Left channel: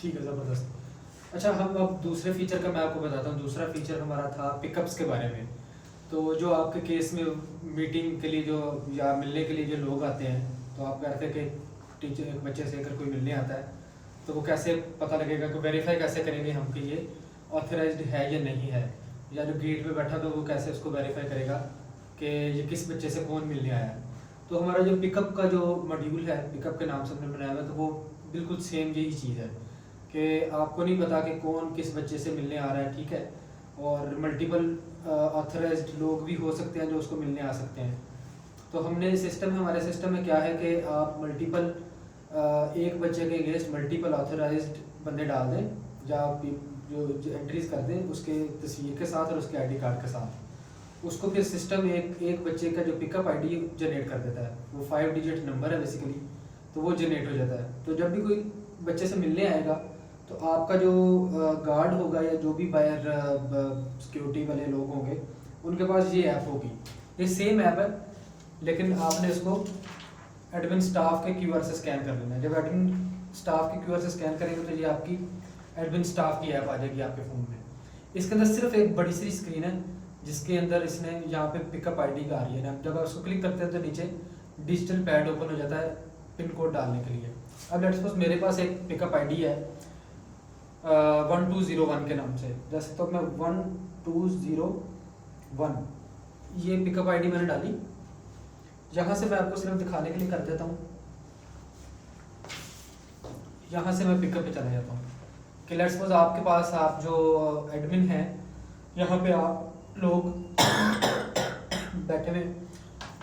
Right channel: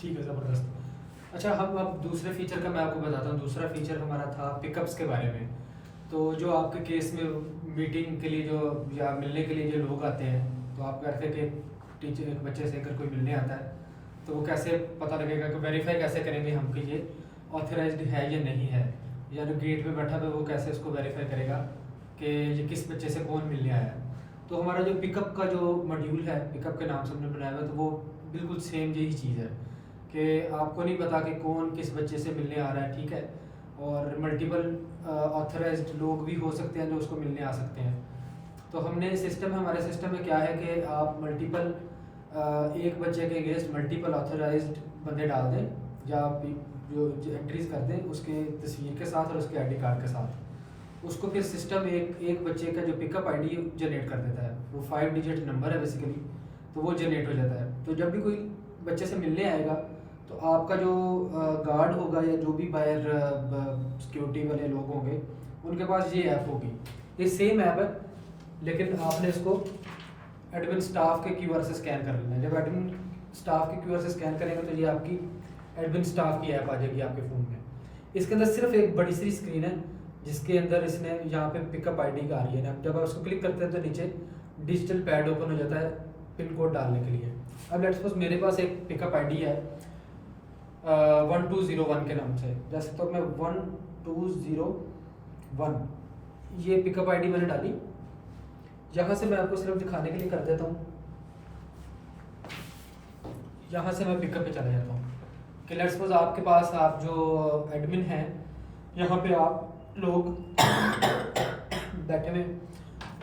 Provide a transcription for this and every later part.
ठीक है, ज़बरदस्त। अच्छा, हम अब दूसरे फीचर का मैं आपको बताता हूँ। दूसरा फीचर हमारा था पिकअप्स के बारे में। तो जो आपके केस में मीटिंग के लिए जो या मिलने के लिए जो लोग आते हैं, तो आप कह रहे थे कि टीचर एक बच्चे से अगर कोई मिलने आता है तो वो कैसे पता लगेगा, कि वेरीफाई कैसे करेंगे हम कि ये ऑथराइज्ड है या नहीं है, या जो गेट पे बैठा था वो कैसे उसको वेरीफाई करेगा कि ये किस बच्चे से कौन मिलने आया है। तो हमारा जो पिकअप का जो मॉड्यूल है, पिकअप के नाम से हमने बनाया हुआ है, तो वो बिल्कुल सेम यही चीज़ है कि आपको नहीं पता कि कौन किस बच्चे से मिलने आ रहा है, ठीक है। और मल्टीपल ऑथराइज्ड लोग भी हो सकते हैं जो उसको मिलने आ सकते हैं। तो हमने सिस्टम हमारे सिस्टम में क्या है कि आप मल्टीपल एक बच्चे के अगेंस्ट मल्टीपल ऑथराइज्ड बंदे डाल दें, या आप जो एंट्रीज कर दें उसके तस्वीर के साथ और उसके आईडी कार्ड के साथ। उसको फिर सिस्टम एक बच्चे का जो पिकअप आईडी जनरेट कर देता है। वो 5 डिजिट नंबर है बेसिकली, तो वो जनरेट हो जाता है। तो जब भी कोई बच्चे से मिलने आएगा तो आपका जो गार्ड होगा या जो भी बाहर सिक्योरिटी वाले लोग होंगे उनके पास ये ऐप होगी। ये सेम ऐप है, लेकिन आपने इसको एडमिन स्टाफ के क्यूआर से स्कैन कर लेना है। जब एडमिन स्टाफ के क्यूआर से स्कैन करेंगे तो ये आपकी एडमिन स्टाफ की ऐप आ जाएगी आपके फ़ोन में। इसके अंदर सिर्फ एक बड़ी सी स्क्रीन है जिसके अंदर इसने यहाँ पे पिकअप आईडी का आ रही है ना। जब आप उसको क्लिक करते हैं तो नीचे डिजिटल पैड ओपन हो जाता है पिन कोड डालने के लिए। अब लेट्स सपोज मेरे पास एक पिकअप आईडी है 1201 के नाम से। जैसे तो मैं 1201 ये पिकअप आईडी मैंने डाली। यहाँ से मैं आपको सिर्फ दिखाने के लिए कर देता हूँ। यहाँ से मैं पिकअप पे चला जाता हूँ कि लेट्स सपोज आपके पास आप जो एडमिन हैं यहाँ पे आप लोग बैठे हुए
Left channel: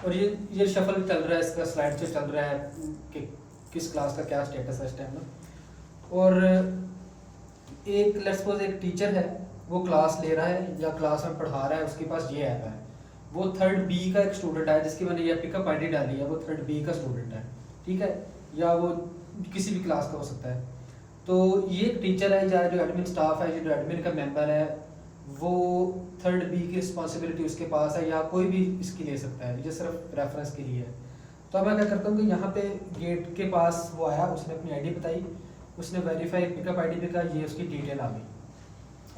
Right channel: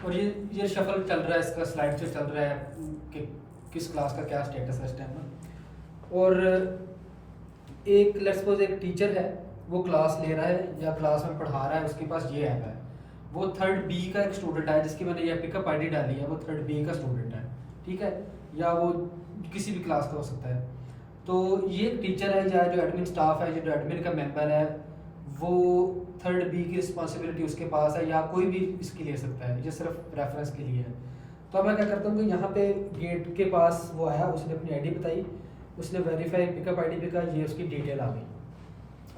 और ये शफल चल रहा है, इसका स्लाइड से चल रहा है कि किस क्लास का क्या स्टेटस है इस टाइम में। और एक लेट्स सपोज एक टीचर है, वो क्लास ले रहा है या क्लास में पढ़ा रहा है, उसके पास ये ऐप है। वो 3rd बी का एक स्टूडेंट है जिसकी मैंने ये पिकअप आईडी डाली है, वो 3rd बी का स्टूडेंट है, ठीक है। या वो किसी भी क्लास का हो सकता है। तो ये एक टीचर है या जो एडमिन स्टाफ है, जो एडमिन का मेंबर है, वो 3rd बी की रिस्पॉन्सिबिलिटी उसके पास है, या कोई भी इसकी ले सकता है। ये सिर्फ रेफरेंस के लिए है। तो अब मैं क्या करता हूँ कि यहाँ पे गेट के पास वो आया, उसने अपनी आईडी बताई, उसने वेरीफाई पिकअप आईडी पे कहा, ये उसकी डिटेल आ गई।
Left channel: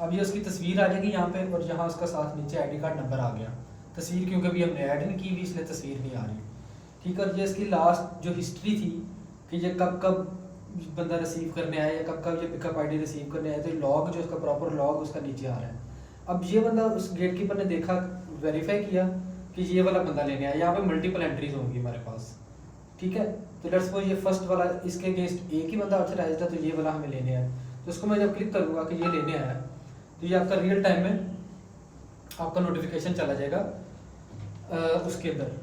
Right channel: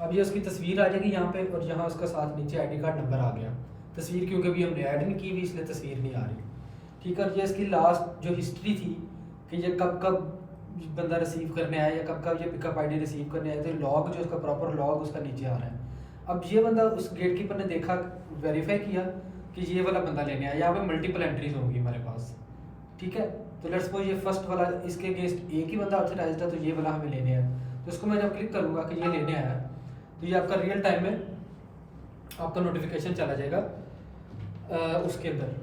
अब ये उसकी तस्वीर आ जाएगी यहाँ पे, और यहाँ उसका साथ नीचे आईडी कार्ड नंबर आ गया। तस्वीर क्योंकि अभी हमने ऐड नहीं की हुई इसलिए तस्वीर नहीं आ रही, ठीक है। ये इसकी लास्ट जो हिस्ट्री थी कि ये कब कब बंदा रिसीव करने आया या कब कब ये पिकअप आईडी रिसीव करने आया, तो लॉग जो उसका प्रॉपर लॉग उसका नीचे आ रहा है। अब ये बंदा उस गेट कीपर ने देखा, वेरीफाई किया कि ये वाला बंदा लेने आया। यहाँ पे मल्टीपल एंट्रीज होंगी हमारे पास, ठीक है। तो लेट्स सपोज ये फर्स्ट वाला इसके अगेंस्ट एक ही बंदा ऑथराइज्ड है, तो ये वाला हमें लेने आया। तो इसको मैं जब क्लिक करूँगा कि ये लेने आया, तो ये आपका रियल टाइम में आपका नोटिफिकेशन चला जाएगा उसके अंदर।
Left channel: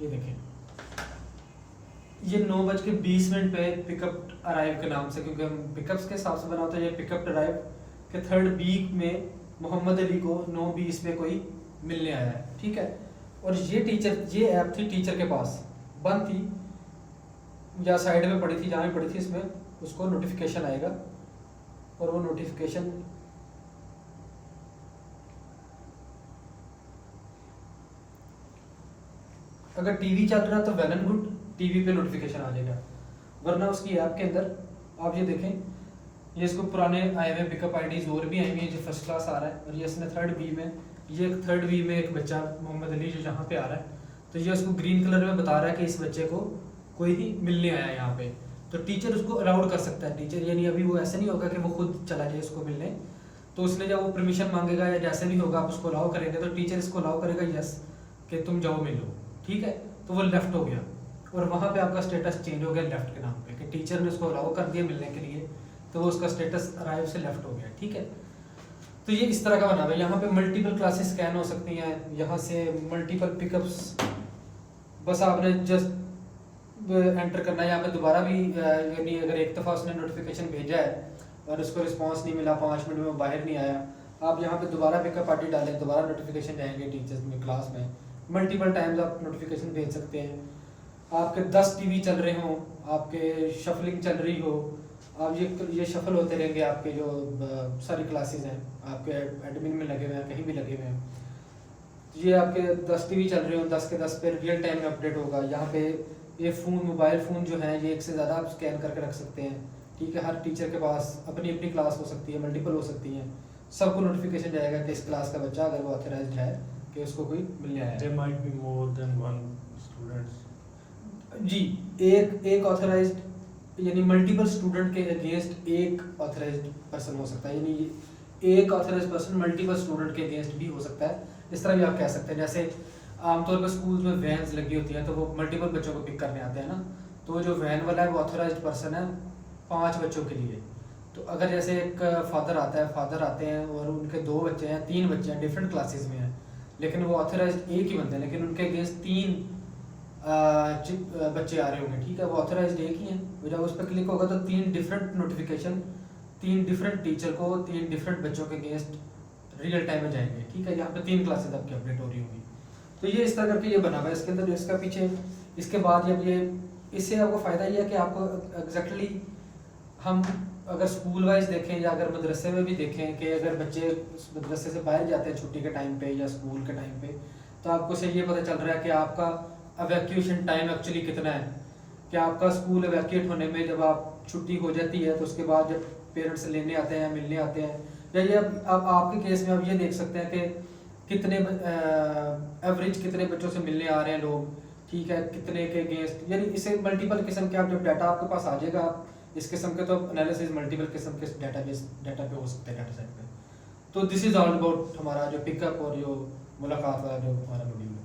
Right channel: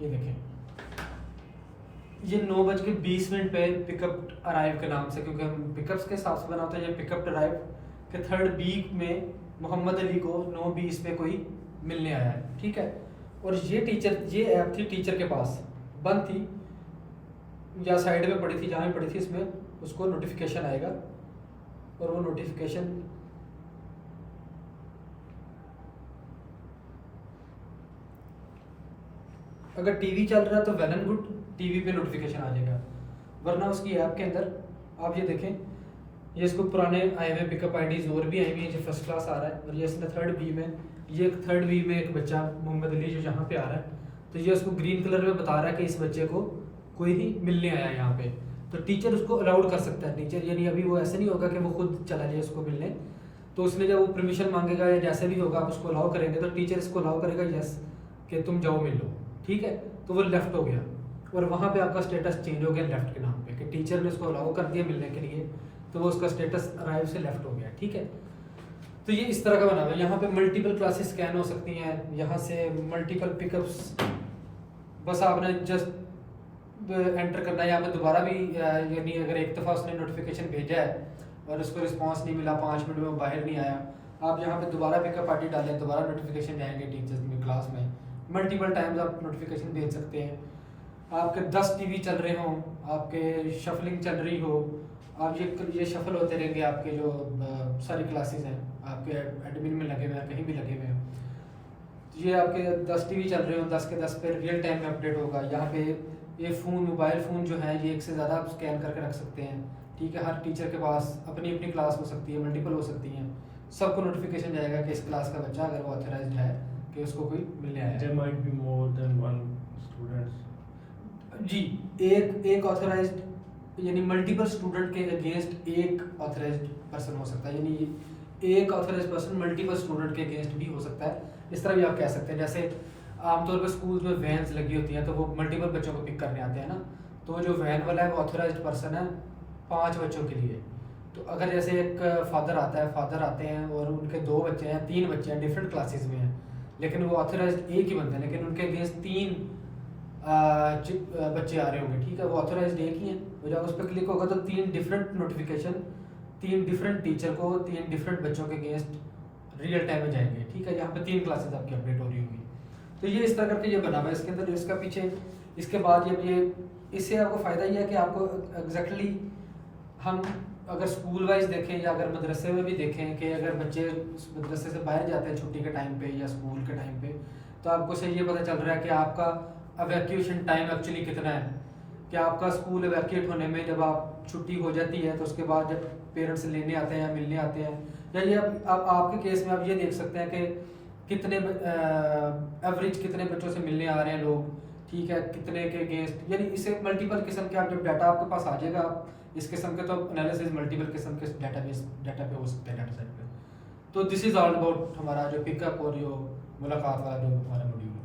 ये देखें, ये 9:20 पे पिकअप अराइव के नाम से, क्योंकि हम पिकअप्स के हिसाब से बनाते हैं। ये पिकअप अराइव के 3rd बी में मोहम्मद अली को 9:20 पे कोई मिलने आया है, ठीक है। और ये टीचर, ये ऐप थी टीचर के पास, बंद थी या साइड में पड़ी थी, जहाँ पड़ी थी इसमें उसको नोटिफिकेशन आएगा। और वो नोटिफिकेशन अगर टीवी चल रहा है तो वेल एंड गुड, टीवी पे नोटिफिकेशन आ जाएगा। वरना उसकी ऐप के अंदर आप ये देखें, ये इसको पुराने आए हुए पिकअप आईडीज और भी आई हुई हैं जो फर्स्ट क्लास आ रहा है। और ये इसमें 3rd बी में, ये 3rd बी में एक बच्चा मोहम्मद अली जो यहाँ पे आ रहा है, तो ये उसको ग्रीन कलर में बता रहा है कि इस बच्चे को कोई ही मिलने आया है यहाँ पे। तो टीचर उसको अलाउड कर सकता है। टीचर यानी अभी वो ऐसे नहीं होगा कि वो खुद चला जाए इसको मिलने। तो उसने जब वो परमिशन मांगेगा या जैसे भी होगा आप उसको अलाउ करेंगे, तो टीचर इसको अलाउ करेगा यस कि तुम जाओ मिल लो, ठीक है। तो वो लेफ्ट हो गया और वहाँ पे आपका स्टेटस चेंज हो गया लेफ्ट के नाम पे, कि टीचर ने उसको अलाउ कर दिया मिलने के लिए, तो वो उसका स्टेटस अराइव से लेफ्ट हो गया, ठीक है। तो ये इस तरह का बना हुआ है। यहाँ पे मल्टीपल क्लासेस स्कैन हो सकती हैं, यहाँ से मल्टीपल पिकअप्स, बस आपने जस्ट एंटर करना है। यहाँ पे दोबारा भी यानी अगर एक दफ़ा उसने नोटिफिकेशन भेजा है और उसको रिस्पांस नहीं मिला, 5 मिनट में वो बाहर नहीं आया, आप यहाँ पे दोबारा पिकअप आईडी डालें, दोबारा नोटिफिकेशन जाएंगे टीचर्स में क्लास में। मल्टीपल टाइम्स आप नोटिफिकेशन भेज सकते हैं। आपके 10 टीवी चल रहे हों, आपके शफलिंग चल रही हो, आप ये शफल होते रहेंगे। आपके जो सारी क्लासेस हैं आपके एडमिन में लगे हुए हैं, कहीं भी लगे हुए हैं, ये आपके 10 टीवी चल रहे हो, 10 के 10 पे रियल टाइम में अपडेट होगा। यहाँ पे ये फ़ोन, मोबाइल फ़ोन जो है, ये एक से ज़्यादा आप स्कैन करके रख सकते हैं। ठीक है, हर टीचर के पास अपनी अपनी क्लास हो सकती है, मल्टीपल हो सकती हैं, सबको नोटिफिकेशन जाएगा कि इस क्लास का बच्चा अगर वो ऑथराइज्ड है कि उसको कोई मिलने आया है। There might be more than one students. जी, एक ऑथराइज्ड यानी मल्टीपल स्टूडेंट के अगेंस्ट एक ऑथराइज्ड पर्सन हो सकता है, यानी एक ऑथराइज्ड पर्सन मल्टीपल स्टूडेंट के अगेंस्ट भी हो सकता है। इस तरह भी आप कह सकते हैं, जैसे आमतौर पर स्कूल में वैन्स लगी होती हैं तो वो मल्टीपल बच्चों को पिक करने आते हैं ना, तो जो वैन वाला है वो ऑथराइज्ड पर्सन है 5 बच्चों के लिए। तो अगर जैसे एक फादर आते हैं और उनके 2 बच्चे हैं, 3 बच्चे हैं, डिफरेंट क्लासेस में हैं, लेकिन वो ऑथराइज्ड एक ही बंदे हैं, लेकिन उनके अगेंस्ट 3 बच्चे आ रहे होंगे, ठीक है, वो ऑथराइज्ड एक ही हैं। तो जब उस पर क्लिक होगा तो 3 डिफरेंट नोटिफिकेशन 3 डिफरेंट टीचर को 3 डिफरेंट बच्चों के अगेंस्ट रियल टाइम में जाएंगे, ठीक है। यहाँ पे 3 क्लासेस आपकी अपडेट हो रही होंगी। तो ये इस तरह करके ये बना हुआ है इसके अंदर, इसका पीछे इसके बाद जब ये इससे आपको फ़ायदा ये है कि आपको एग्जैक्टली हम अगर स्कूल वाइज देखें या अगर मदरसे में भी देखें कि अगर बच्चे मदरसे से बाहर जाते हैं छुट्टी के टाइम पे या स्कूल के टाइम पे, तो आपको से ये पता चल रहा है कि आपका एवैक्यूएशन टाइम एक्चुअली कितना है, कि आपका स्कूल एवैक्यूएट होने में जब आप छुट्टी हो जाती है तो उसके बाद जब पेरेंट्स लेने आते हैं या मिलने आते हैं, या ये अब आपके केस में आप ये देख सकते हैं कि कितने एवरेज कितने बच्चों से मिलने आ रहे हैं लोग, ठीक है, कितने के अगेंस्ट, यानी इसे मल्टीपल किस्म के आप जब डाटा आपके पास आ जाएगा, इस किस्म के तो एनालिसिस मल्टीपल किस्म के डाटा पे हो सकते हैं, डाटा सेट पे। तो दिस इज ऑल अबाउट हमारा जो पिकअप और जो मुलाकात वाला जो हमारा वीडियो